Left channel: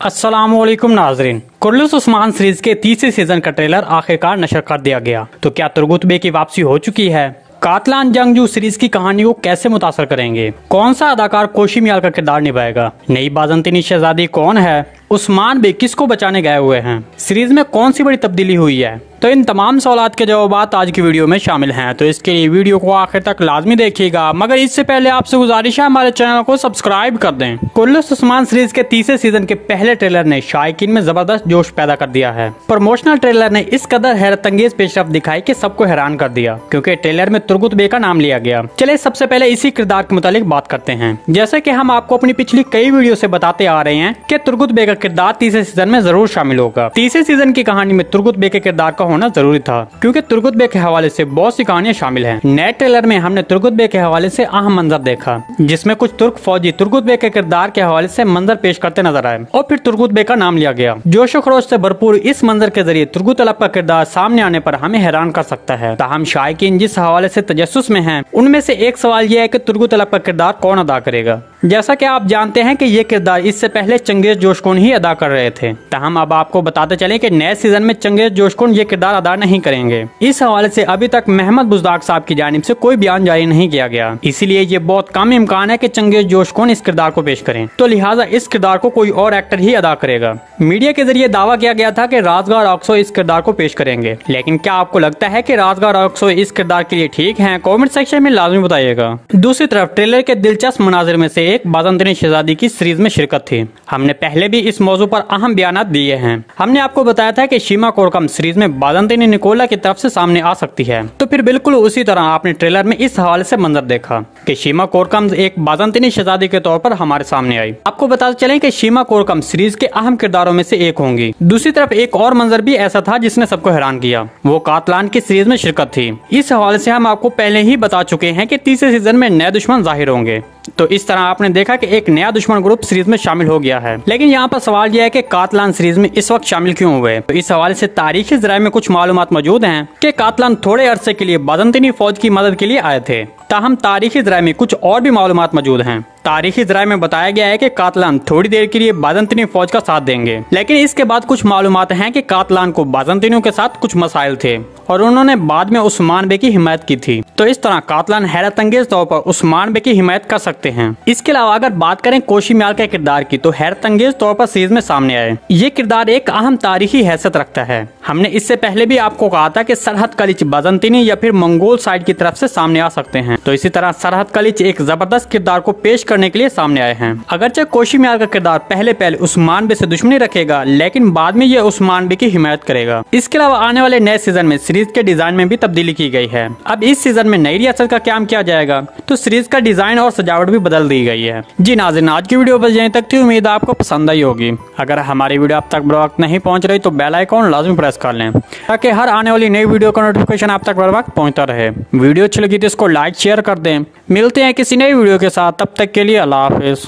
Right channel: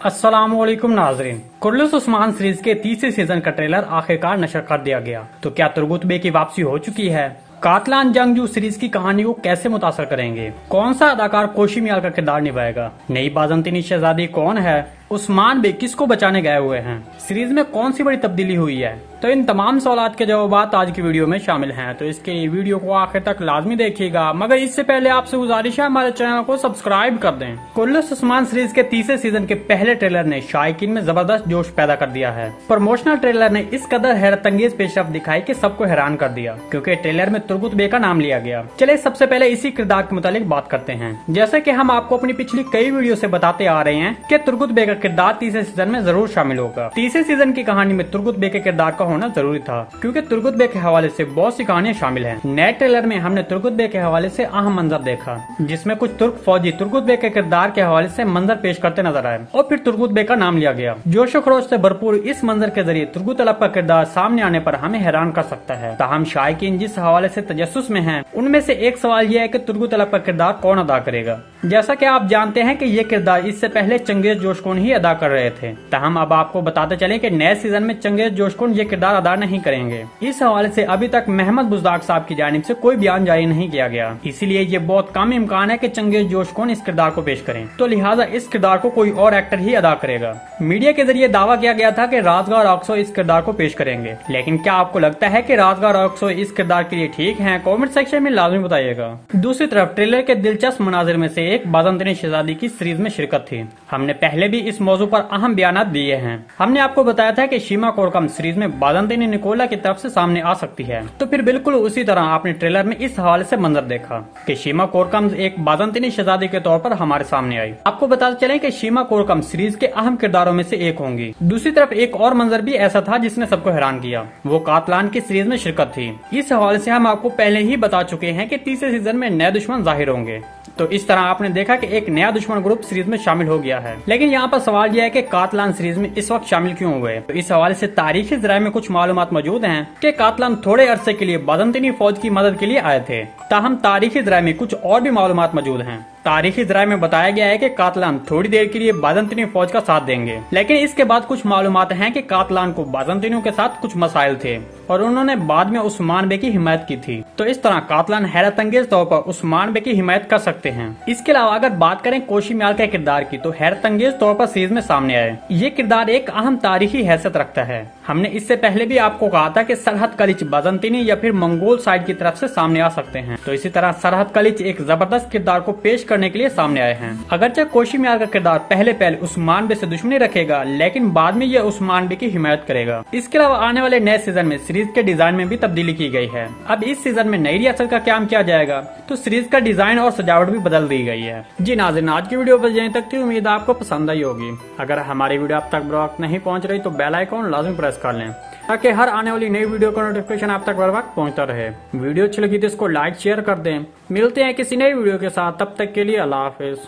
अस्सलामुअलैकुम नाजरीन। कुर्रतुल उस्मान सीरीज के तीसरे सीजन का ट्रेलर आखिरकार नशर कर दिया गया। तो क्या तुर्गुत बे की वापसी हो चुकी है? कातलान जंगजू सीरीज की कहानी को कैसे मुतासर करेंगे? कौन सा अदाकार कोशी मियाल का किरदार निभाएगा? नई बाज़ंतीनी शहजादी कौन है? उस्मान बे किसको बचाने गए हुए हैं? सीरीज में कौन सी बड़ी तब्दीली हुई है? तो इन तमाम सवालात के जवाब आज की वीडियो में शामिल हैं। तो इसके लिए वीडियो को आखिर तक लाजमी देखिएगा, मगर इससे पहले आपसे गुजारिश है हमारे चैनल को सब्सक्राइब कर दें। कुर्रतुल उस्मान सीरीज के तीसरे सीजन के पहले ट्रेलर ने शायकीन में जबरदस्त जोश पैदा कर दिया है। प्रमोशनल ट्रेलर ने इस कदर हैरत अंगेज पेशरफ्त दिखाई कि सबको हैरान कर दिया, क्योंकि ट्रेलर में तुर्गुत बे का नाम लिया गया। चले सबसे पहले इसी किरदार के मुतालिक बात करते हैं। जैसे कि हम आपको अपनी पिछली कई वीडियो से बताते आ रहे हैं कि तुर्गुत बे का किरदार तीसरे सीजन में जरूर शामिल होगा। तीसरे सीजन की कहानी में तुर्गुत बे के किरदार का होना जरूरी था, क्योंकि तुर्गुत बे के हवाले से बहुत सी कहानियां शामिल हैं। नए ट्रेलर में हमने तुर्गुत बे के हवाले से अहम मंजर देखा, जिसमें कुछ तुर्क फौजी तुर्गुत बे के किरदार के हवाले से मंजर पेश करते नजर आए और फिर तुर्गुत बे का नाम लिया गया। जोशो खरोश से भरपूर इस मंजर के जरिए तुर्गुत अलब का किरदार सामने आने पर हमें हैरान कर सकता है। ताहम शायकीन जिस हवाले से तजस्सुस में हैं, उनमें से एक सवाल यह है कि तुर्गुत अलब का किरदार कौन अदा करेगा। जैसा कि आप जानते हैं कि ये किरदार इससे पहले चंगेज जोशकोन ही अदा कर रहे थे। ताहम अब आपको बताते चले कि नए सीजन में चंगेज जोशकोन ये किरदार अदा नहीं करेंगे। इस हवाले से अभी तक महमद बुज़दाग साहब की जानिब से कोई बयान जारी नहीं किया गया, इसीलिए ये बहुत कम इम्कान है कि चंगेज जोशकोन इस किरदार को पेश करें। तो लिहाजा इस किरदार को कोई और एक्टर ही अदा करेगा। मीडिया के जरिए दावा किया गया था कि राज़गार ऑक्सो इस किरदार को पेश करेंगे, लेकिन क्या आपको लगता है कि राज़गार ऑक्सो इस किरदार के लिए ठीक है? कमेंट सेक्शन में लाजमी बताइएगा। दूसरी तरफ ट्रेलर के दिलचस्प मनाजिर में से एक बाज़ंतीनी शहजादी की सीरीज में शिरकत थी। हमने पहले भी इस मौजू पर अहम बयानात दिए हैं। हमने आपको बताया था कि शीमा कोरकम सीरीज में बाज़ंतीनी निकोला की तरफ से सामने आ सकती है। तो फिर बिल्कुल उसी तरह आपने ट्रेलर में इस हवाले से मंजर देखा कि शीमा कोरकम एक बाज़ंतीनी शहजादी के तौर पर हमारे सामने आई। आपको बताते चले कि शीमा कोरकम सीरीज के अहम किरदारों में से एक होंगी। दूसरी तरफ एक और मंजर भी ऐसा था जिसने सबको हैरान किया, वो कातलान की सीरीज में शिरकत थी। इस हवाले से हम आपको पहले ही बता चुके हैं कि तीसरे सीजन में नए दुश्मन जाहिर होंगे। तो इस तरह आपने देखा कि एक नया दुश्मन ग्रुप सीरीज में शामिल हो गया है। लेकिन यहाँ पर सवाल यह है कि कातलान सीरीज में इस वक्त शामिल क्यों हुए? तो इस हवाले से तारीखी ज़राए में कुछ मालूमात मौजूद हैं कि कातलान थोड़े अरसे के लिए बाज़ंतीनी फौज की मदद के लिए आए थे। ताहम तारीखी ज़राए में कुछ और भी मालूमात मौजूद हैं। तारीखी ज़राए में बताया गया है कि कातलान थोड़ी देर के लिए बाज़ंतीनी फौज का साथ देंगे, लेकिन इसके बाद कुछ मालूमात हैं कि कातलान को बाज़ंतीनियों के साथ कुछ मसाइल थे और उन्होंने बाद में उस्मान बे की हिमायत की थी। तो इस तरह कातलान हैरत अंगेज तौर पर उस्मान बे की हिमायत कर सकते हैं। इसके अलावा अगर बात करें कोशी मियाल के किरदार की, तो हैरत अंगेज तौर पर सीरीज में सामने आए। ये किरदार एक अहम तारीखी हैसियत रखता है। हमने इससे पहले भी आपको कहा था कि सरहद कलिच बाज़ंतीनी या फिर मंगोल साइड की तरफ से सामने आ सकते हैं। तो इसी तरह सरहद कलिच एक जबरदस्त किरदार को पेश करने के लिए सामने आए हैं। अगरचे कोशी मियाल का किरदार पहले उस्मान बे से दुश्मनी रखेगा, लेकिन बाद में ये उस्मान बे की हिमायत करेगा। इसके अलावा आने वाले नए सीजन में सीरीज के डिजाइन में भी तब्दीली की गई है। अब इस सीजन में नई रियासत का क्याम किया जाएगा, तो सीरीज का डिजाइन और सजावट भी बदल दी गई है। जी नाज़रीन, आज की वीडियो बस यहीं तक थी। उम्मीद है आपको पसंद आई होगी। अगर हमारी वीडियो अब तक बर वक्त नहीं पहुंच रही तो बेल आइकॉन लाजमी प्रेस कर लें, ताकि हर आने वाली नई वीडियो का नोटिफिकेशन आप तक बर वक्त पहुंचता रहे। वीडियो अच्छी लगी तो इसको लाइक शेयर कर दें। मिलते हैं किसी नई वीडियो के साथ, तब तक के लिए अल्लाह हाफिज।